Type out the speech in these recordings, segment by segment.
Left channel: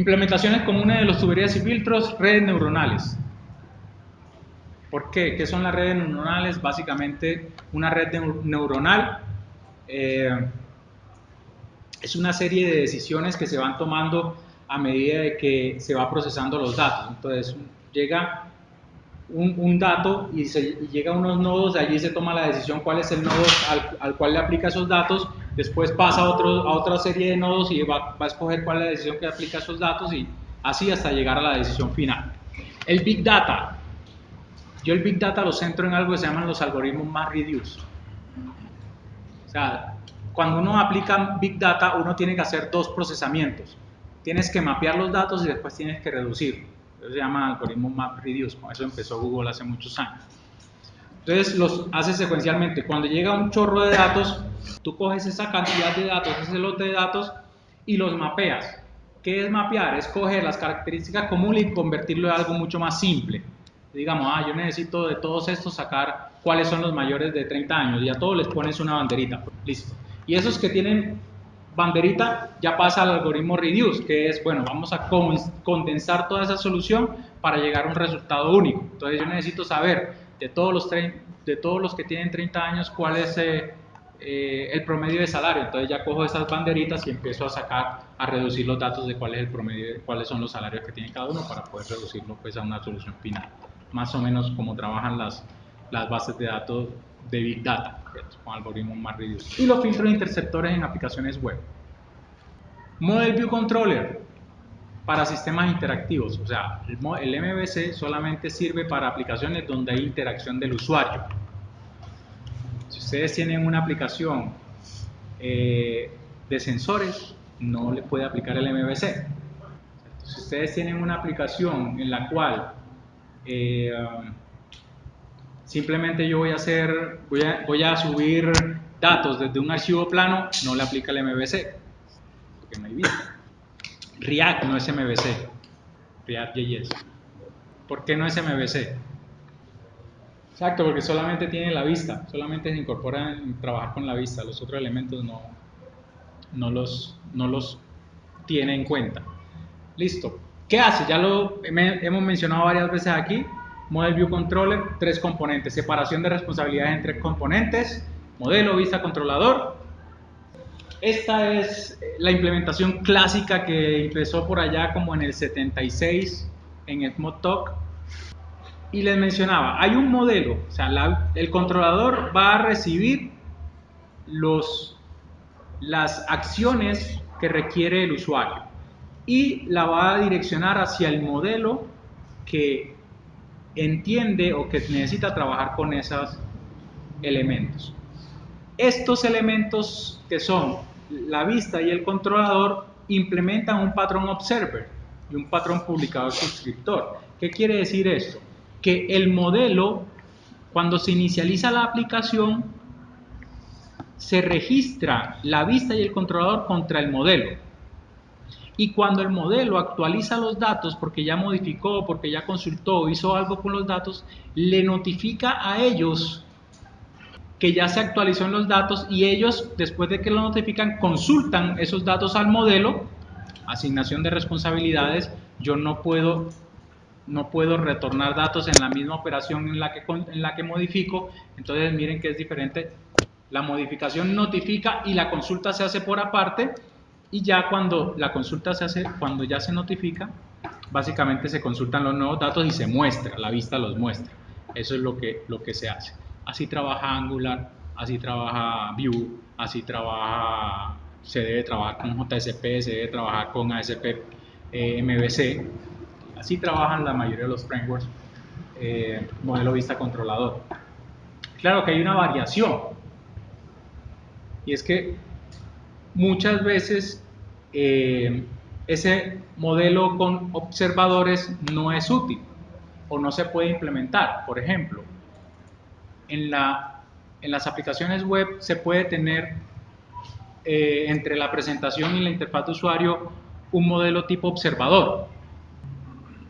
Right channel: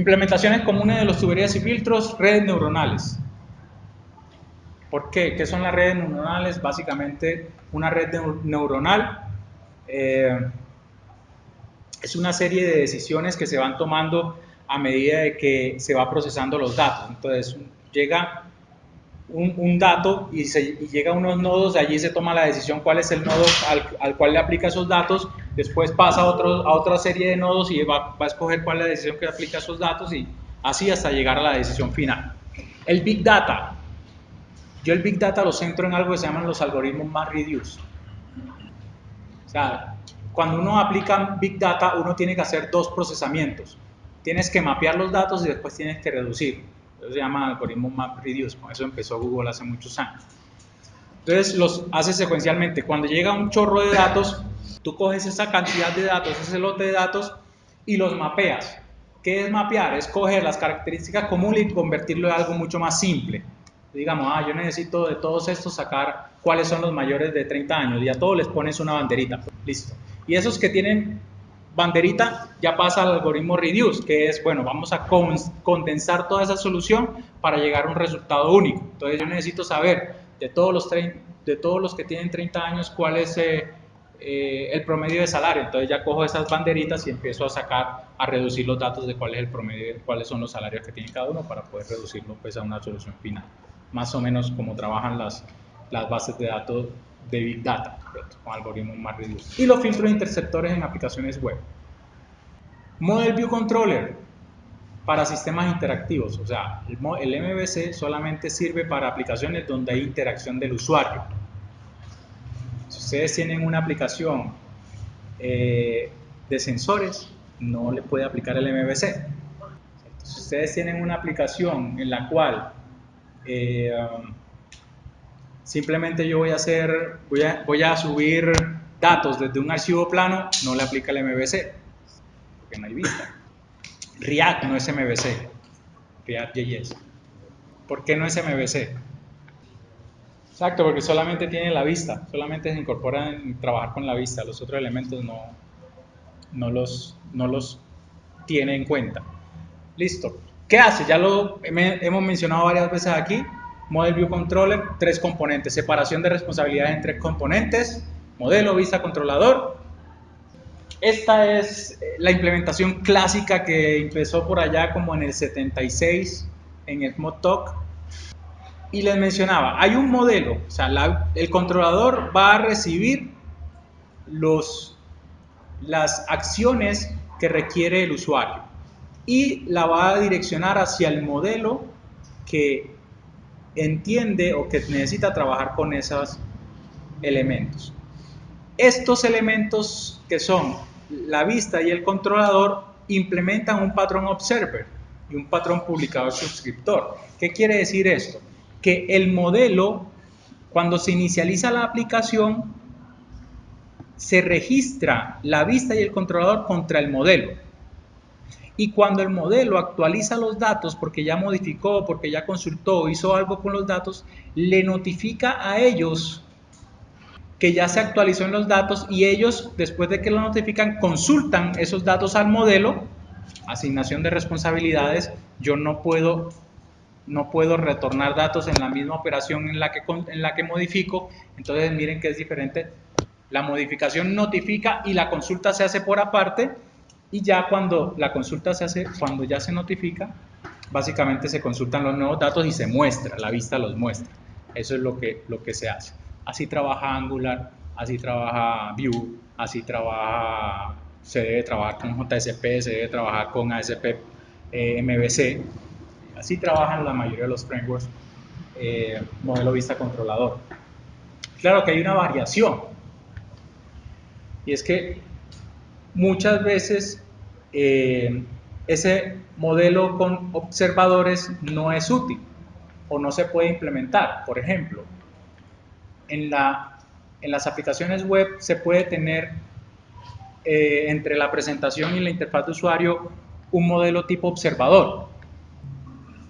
Implementaciones comunes de los tuberías y filtros, redes neuronales. ¿Por qué? ¿Qué son las redes neuronales? Básicamente, una red neuronal es una serie de decisiones que se van tomando a medida de que se va procesando los datos. Entonces, llega un dato y llega a unos nodos, de allí se toma la decisión cuál es el nodo al cual le aplica esos datos, después pasa a otra serie de nodos y va a escoger cuál es la decisión que aplica a esos datos y así hasta llegar a la decisión final. El Big Data. Yo el Big Data lo centro en algo que se llaman los algoritmos MapReduce. O sea, cuando uno aplica Big Data, uno tiene que hacer dos procesamientos. Tienes que mapear los datos y después tienes que reducirlos. Eso se llama algoritmo MapReduce. Con eso empezó Google hace muchos años. Entonces los haces secuencialmente. Cuando llega un chorro de datos, tú coges esa cantidad de datos, ese lote de datos y los mapeas. ¿Qué es mapear? Es coger las características comunes y convertirlo en algo mucho más simple. Digamos, yo necesito de todos estos sacar cuáles son los mayores de 30 años y a todos les pones una banderita. Listo. Y esos que tienen banderita ya pasa al algoritmo reduce, que es, bueno, vamos a condensar toda esa solución para llegar a un resultado único. Entonces yo necesito saber de todos los que tienen 30 años cuál es el promedio de salario. Entonces ya cojo esas banderitas y empiezo a reducir los datos de cuál es el promedio, cuáles son los salarios que tiene cada uno para poder reducirlo pues a una solución final. Más o menos como trabajan las bases de datos de Big Data, con algoritmos MapReduce. Y los filtros interceptores en aplicaciones web. Model View Controller para sistemas interactivos. O sea, el MVC solamente sirve para aplicaciones donde hay interacción del usuario. Si ustedes tienen una aplicación de sensores, no le puede aplicar el MVC. Si ustedes tienen una aplicación en la cual simplemente yo voy a subir datos desde un archivo plano, no le aplica el MVC, porque no hay vista. React no es MVC, React.js. ¿Por qué no es MVC? Exacto, porque solamente tiene la vista, solamente se incorporan en trabajar con la vista, los otros elementos no los tiene en cuenta. Listo. ¿Qué hace? Ya lo hemos mencionado varias veces aquí. Model View Controller, 3 componentes. Separación de responsabilidades entre componentes, modelo, vista, controlador. Esta es la implementación clásica que empezó por allá como en el 76 en el Smalltalk. Y les mencionaba, hay un modelo, o sea, el controlador va a recibir las acciones que requiere el usuario y la va a direccionar hacia el modelo que entiende o que necesita trabajar con esos elementos. Estos elementos que son la vista y el controlador implementan un patrón observer y un patrón publicador suscriptor. ¿Qué quiere decir esto? Que el modelo, cuando se inicializa la aplicación, se registra la vista y el controlador contra el modelo. Y cuando el modelo actualiza los datos, porque ya modificó, porque ya consultó, hizo algo con los datos, le notifica a ellos que ya se actualizó en los datos y ellos, después de que lo notifican, consultan esos datos al modelo. Asignación de responsabilidades. Yo no puedo retornar datos en la misma operación en la que modifico. Entonces miren que es diferente. La modificación notifica y la consulta se hace por aparte. Y ya cuando la consulta se hace, cuando ya se notifica, básicamente se consultan los nuevos datos y se muestra, la vista los muestra. Eso es lo que se hace. Así trabaja Angular, así trabaja Vue, así se debe trabajar con JSP, se debe trabajar con ASP MVC. Así trabajan la mayoría de los frameworks modelo vista controlador. Claro que hay una variación, y es que muchas veces ese modelo con observadores no es útil o no se puede implementar. Por ejemplo, en las aplicaciones web se puede tener entre la presentación y la interfaz de usuario un modelo tipo observador.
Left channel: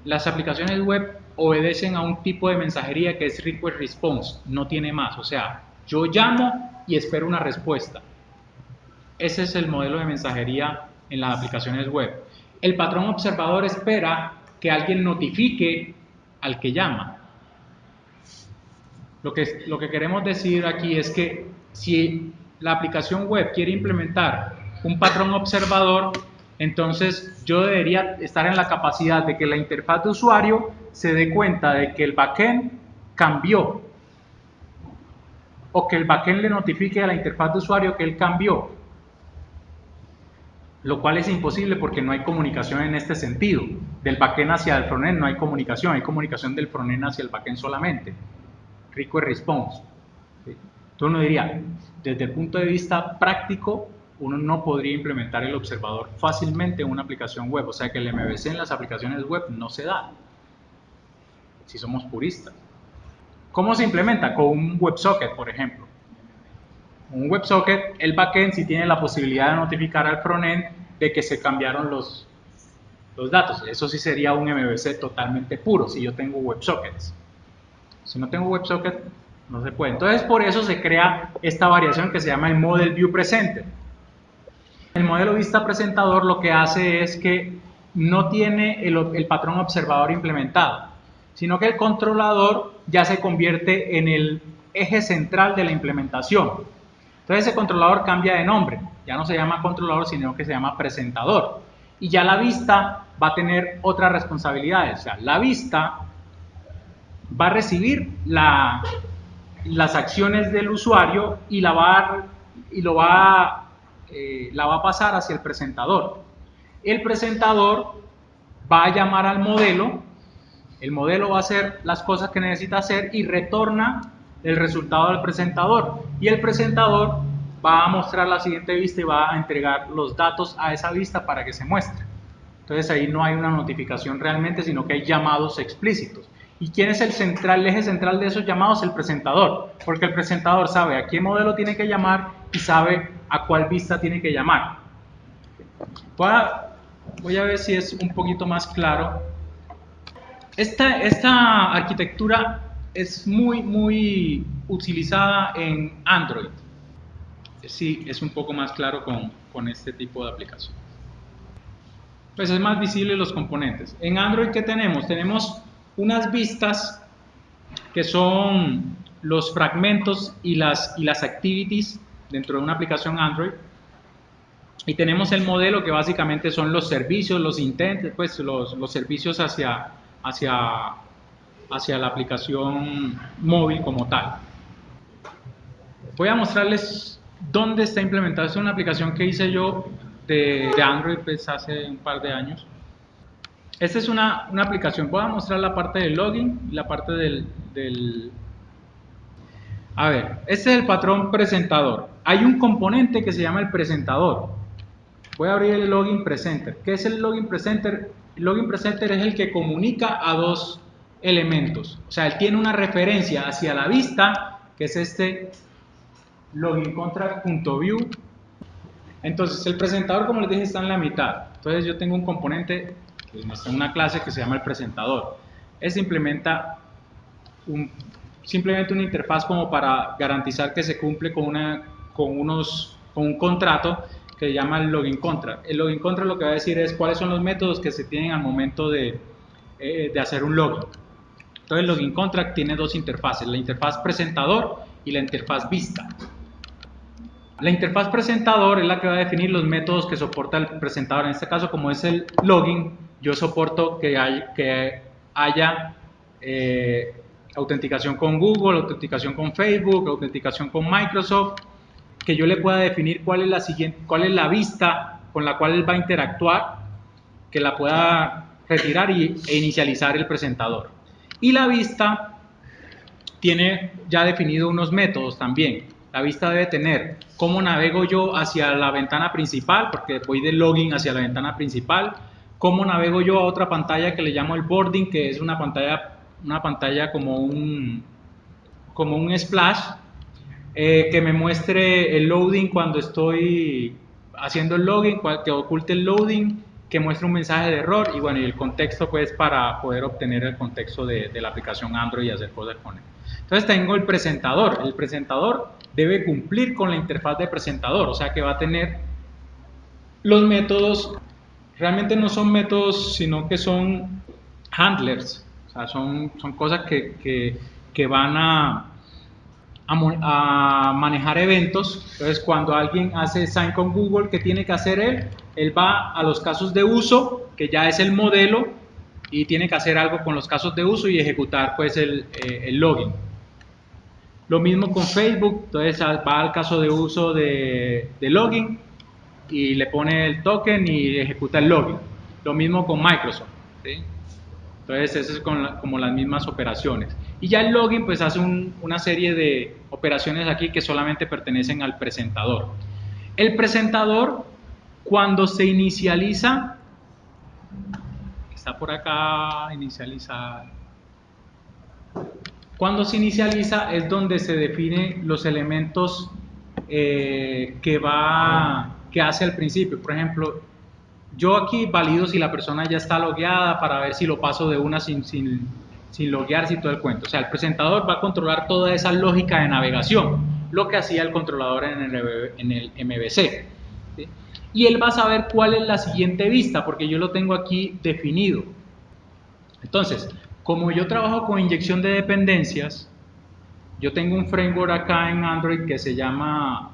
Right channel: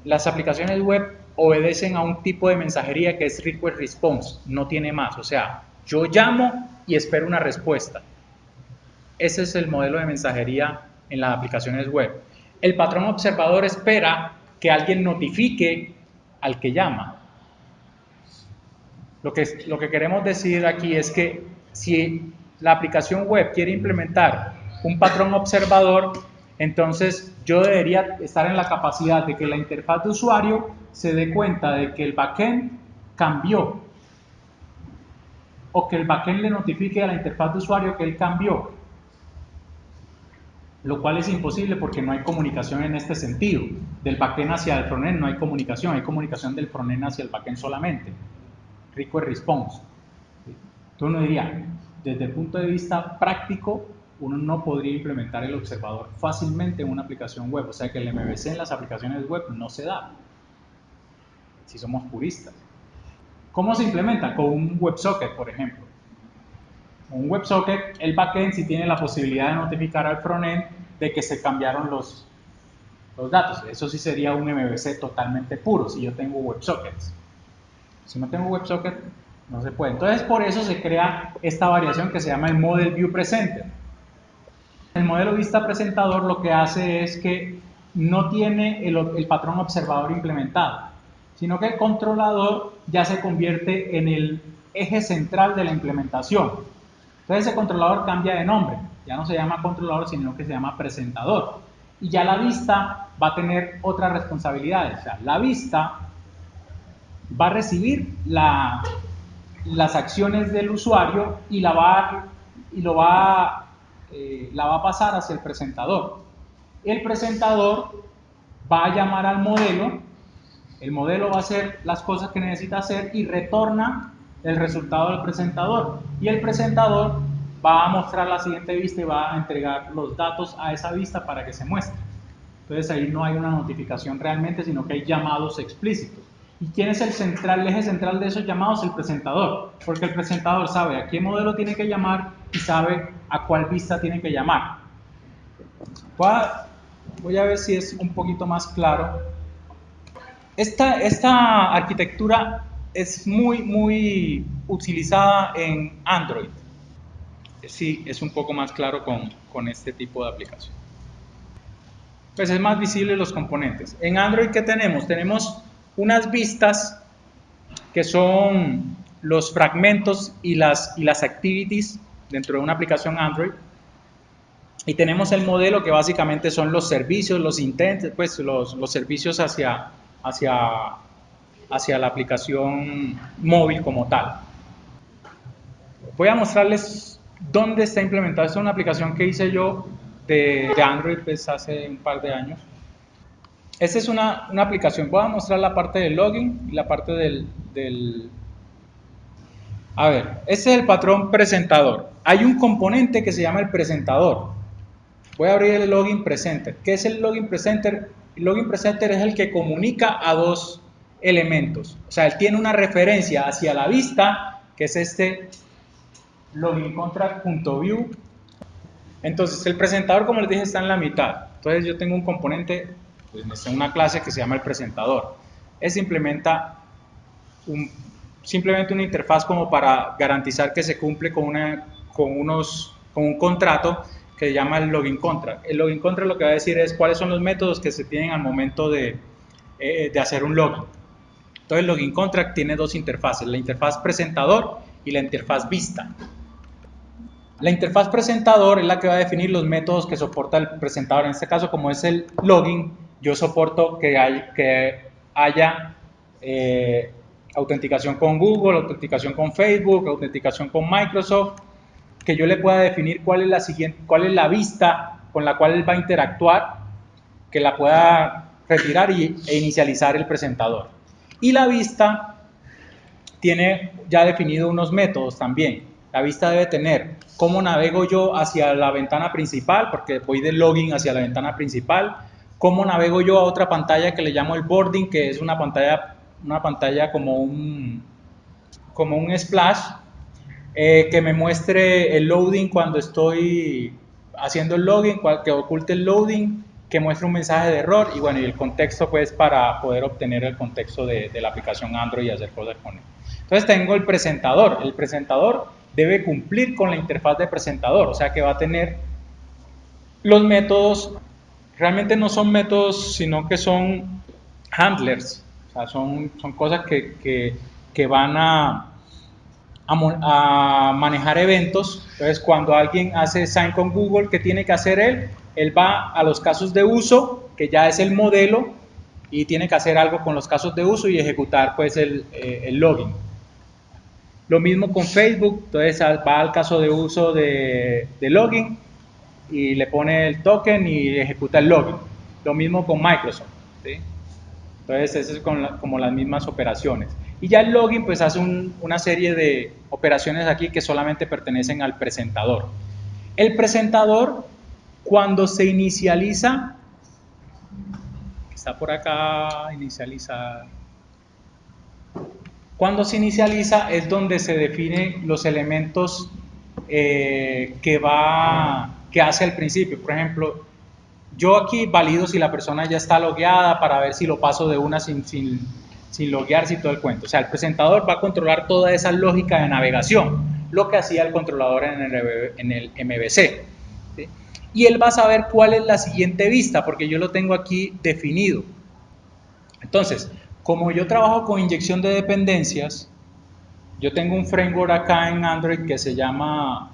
Las aplicaciones web obedecen a un tipo de mensajería que es request response, no tiene más. O sea, yo llamo y espero una respuesta. Ese es el modelo de mensajería en las aplicaciones web. el patrón observador espera que alguien notifique al que llama. Lo que queremos decir aquí es que si la aplicación web quiere implementar un patrón observador, entonces yo debería estar en la capacidad de que la interfaz de usuario se dé cuenta de que el backend cambió, o que el backend le notifique a la interfaz de usuario que él cambió, lo cual es imposible porque no hay comunicación en este sentido. Del backend hacia el frontend no hay comunicación del frontend hacia el backend solamente. Request response. Entonces uno diría, desde el punto de vista práctico, uno no podría implementar el observador fácilmente en una aplicación web, o sea que el MVC en las aplicaciones web no se da, si somos puristas. ¿Cómo se implementa? Con un WebSocket, por ejemplo. Un WebSocket, el backend sí tiene la posibilidad de notificar al frontend de que se cambiaron los datos. Eso sí sería un MVC totalmente puro, si yo tengo WebSockets. Si no tengo WebSocket, no se puede. Entonces, por eso se crea esta variación que se llama el Model View Presenter. El modelo vista presentador lo que hace es que no tiene el patrón observador implementado, sino que el controlador ya se convierte en el eje central de la implementación. Entonces ese controlador cambia de nombre, ya no se llama controlador, sino que se llama presentador. Y ya la vista va a tener otras responsabilidades, o sea, la vista va a recibir las acciones del usuario y la va a pasar hacia el presentador. El presentador va a llamar al modelo, el modelo va a hacer las cosas que necesita hacer y retorna el resultado del presentador. Y el presentador va a mostrar la siguiente vista y va a entregar los datos a esa vista para que se muestre. Entonces ahí no hay una notificación realmente, sino que hay llamados explícitos. ¿Y quién es el eje central de esos llamados? El presentador, porque el presentador sabe a qué modelo tiene que llamar y sabe a cuál vista tiene que llamar. Voy a ver si es un poquito más claro. Esta arquitectura es muy utilizada en Android. Sí, es un poco más claro con este tipo de aplicación. Pues es más visible los componentes. En Android, ¿qué tenemos? Tenemos unas vistas que son los fragmentos y las activities dentro de una aplicación Android. Y tenemos el modelo que básicamente son los servicios, los intents, pues los servicios hacia la aplicación móvil como tal. Voy a mostrarles dónde está implementada. Esta es una aplicación que hice yo de Android pues, hace un par de años. Esta es una aplicación. Voy a mostrar la parte del login y la parte del... A ver, este es el patrón presentador. Hay un componente que se llama el presentador. Voy a abrir el login presenter. ¿Qué es el login presenter? El login presenter es el que comunica a dos elementos. O sea, él tiene una referencia hacia la vista, que es este login contract.view. Entonces, el presentador, como les dije, está en la mitad. Entonces, yo tengo un componente, está en una clase que se llama el presentador. Ese implementa simplemente una interfaz como para garantizar que se cumple con un contrato que se llama el login contract. El login contract lo que va a decir es cuáles son los métodos que se tienen al momento de hacer un login. Entonces el login contract tiene dos interfaces, la interfaz presentador y la interfaz vista. La interfaz presentador es la que va a definir los métodos que soporta el presentador. En este caso, como es el login, yo soporto que haya autenticación con Google, autenticación con Facebook, autenticación con Microsoft, que yo le pueda definir cuál es la vista con la cual él va a interactuar, que la pueda retirar e inicializar el presentador. Y la vista tiene ya definido unos métodos también. La vista debe tener cómo navego yo hacia la ventana principal, porque voy del login hacia la ventana principal, cómo navego yo a otra pantalla que le llamo el boarding, que es una pantalla como un splash, que me muestre el loading cuando estoy haciendo el login, que oculte el loading, que muestre un mensaje de error y bueno, y el contexto pues para poder obtener el contexto de la aplicación Android y hacer cosas con él. Entonces tengo el presentador debe cumplir con la interfaz de presentador, o sea que va a tener los métodos Realmente no son métodos, sino que son handlers, o sea, son cosas que van a manejar eventos. Entonces, cuando alguien hace sign con Google, ¿qué tiene que hacer él? Él va a los casos de uso, que ya es el modelo, y tiene que hacer algo con los casos de uso y ejecutar pues el login. Lo mismo con Facebook, entonces va al caso de uso de login y le pone el token y ejecuta el login. Lo mismo con Microsoft, ¿sí? Entonces, eso es como las mismas operaciones. Y ya el login pues hace una serie de operaciones aquí que solamente pertenecen al presentador. El presentador, cuando se inicializa, está por acá, inicializa. Cuando se inicializa es donde se definen los elementos que hace al principio. Por ejemplo, yo aquí valido si la persona ya está logueada para ver si lo paso de una sin loguearse y todo el cuento. O sea, el presentador va a controlar toda esa lógica de navegación, lo que hacía el controlador en el MVC. ¿Sí? Y él va a saber cuál es la siguiente vista, porque yo lo tengo aquí definido. Entonces, como yo trabajo con inyección de dependencias, yo tengo un framework acá en Android que se llama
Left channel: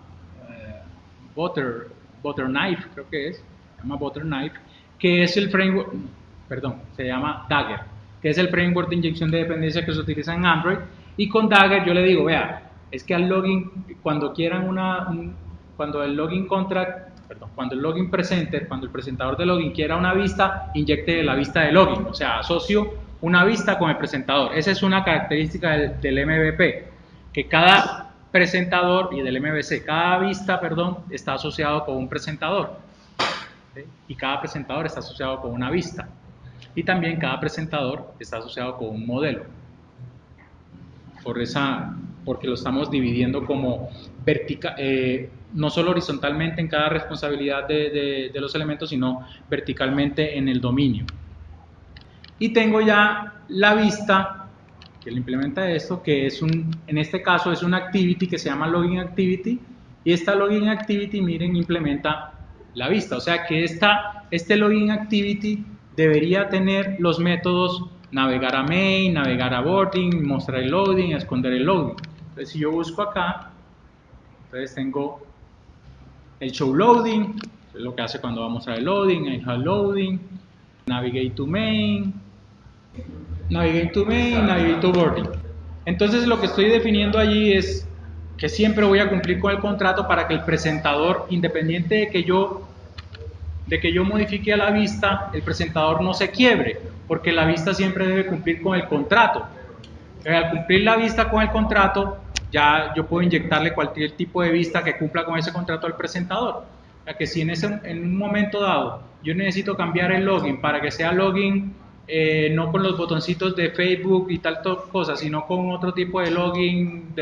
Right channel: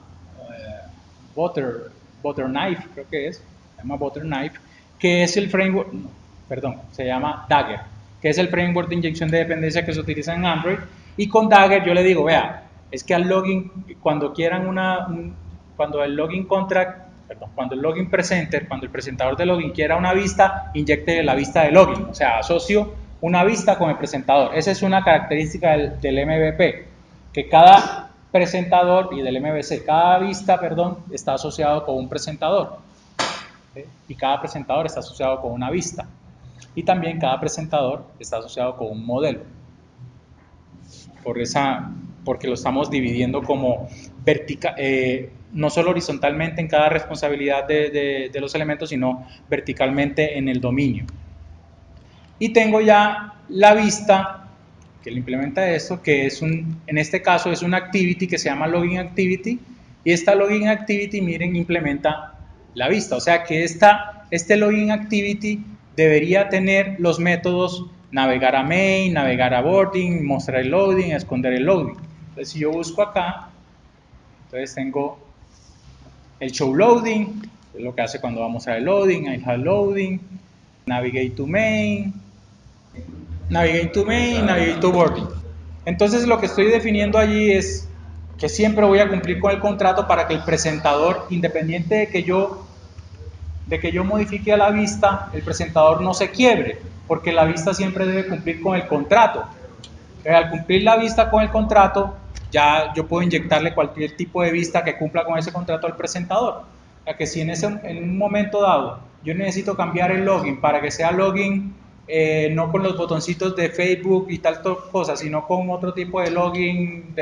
Butterknife, creo que es, se llama Butterknife, que es el framework, perdón, se llama Dagger, que es el framework de inyección de dependencia que se utiliza en Android. Y con Dagger yo le digo, vea, es que al login, cuando quieran cuando el login contract, perdón, cuando el login presenter, cuando el presentador de login quiera una vista, inyecte la vista de login, o sea, asocio una vista con el presentador. Esa es una característica del MVP, que cada presentador y del MVC, cada vista, perdón, está asociado con un presentador, ¿sí? Y cada presentador está asociado con una vista, y también cada presentador está asociado con un modelo, porque lo estamos dividiendo como no solo horizontalmente en cada responsabilidad de los elementos, sino verticalmente en el dominio. Y tengo ya la vista que le implementa esto, que en este caso es una activity que se llama login activity, y esta login activity, miren, implementa la vista. O sea que este login activity debería tener los métodos navegar a main, navegar a boarding, mostrar el loading, esconder el loading. Entonces, si yo busco acá, entonces tengo el show loading, es lo que hace cuando vamos a el loading, el hard loading, navigate to main, navigate to boarding. Entonces lo que estoy definiendo allí es que siempre voy a cumplir con el contrato para que el presentador, independiente de que yo modifique a la vista, el presentador no se quiebre, porque la vista siempre debe cumplir con el contrato. Al cumplir la vista con el contrato, ya yo puedo inyectarle cualquier tipo de vista que cumpla con ese contrato al presentador. O sea que si en un momento dado yo necesito cambiar el login para que sea login no con los botoncitos de Facebook y tal cosa, sino con otro tipo de login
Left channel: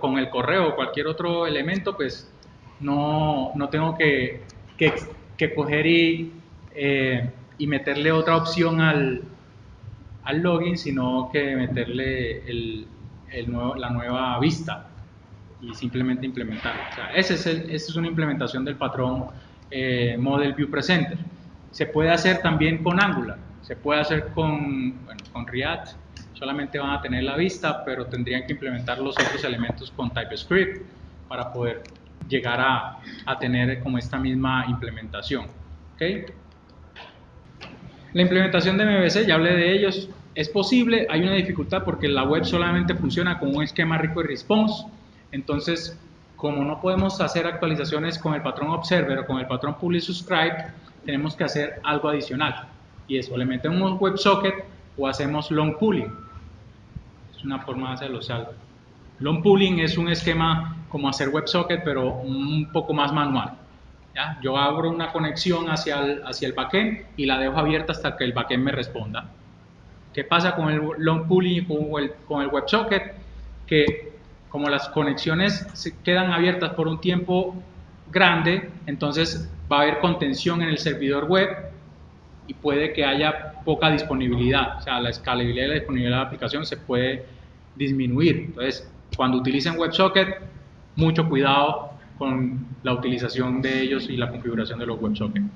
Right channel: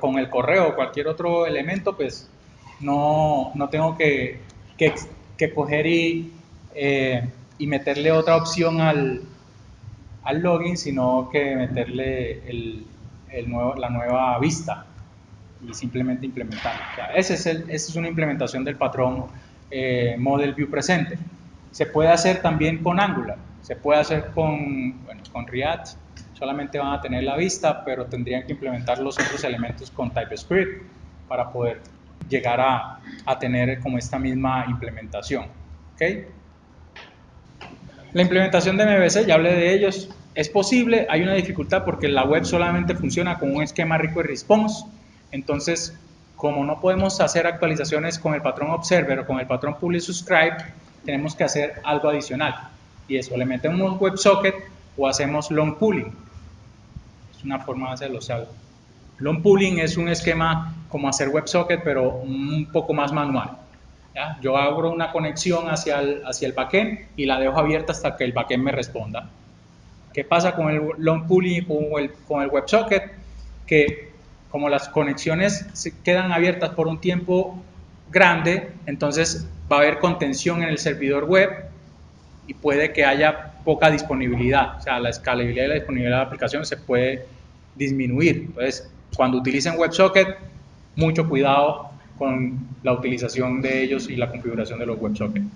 con el correo o cualquier otro elemento, pues no tengo que coger y meterle otra opción al login, sino que meterle la nueva vista y simplemente implementarlo. O sea, esa es una implementación del patrón Model View Presenter. Se puede hacer también con Angular, se puede hacer con React, solamente van a tener la vista, pero tendrían que implementar los otros elementos con TypeScript para poder llegar a tener como esta misma implementación. ¿Okay? La implementación de MVC, ya hablé de ellos, es posible, hay una dificultad porque la web solamente funciona con un esquema request response. Entonces, como no podemos hacer actualizaciones con el patrón observer o con el patrón publish subscribe, tenemos que hacer algo adicional, y eso, le metemos WebSocket o hacemos long pooling. Es una forma de hacerlo. O sea, long pooling es un esquema como hacer WebSocket, pero un poco más manual. ¿Ya? Yo abro una conexión hacia el backend y la dejo abierta hasta que el backend me responda. ¿Qué pasa con el long pooling y con el WebSocket? Que como las conexiones se quedan abiertas por un tiempo grande, entonces va a haber contención en el servidor web y puede que haya poca disponibilidad. O sea, la escalabilidad y la disponibilidad de la aplicación se puede disminuir. Entonces, cuando utilicen WebSocket, mucho cuidado con la utilización de ellos y la configuración de los WebSockets.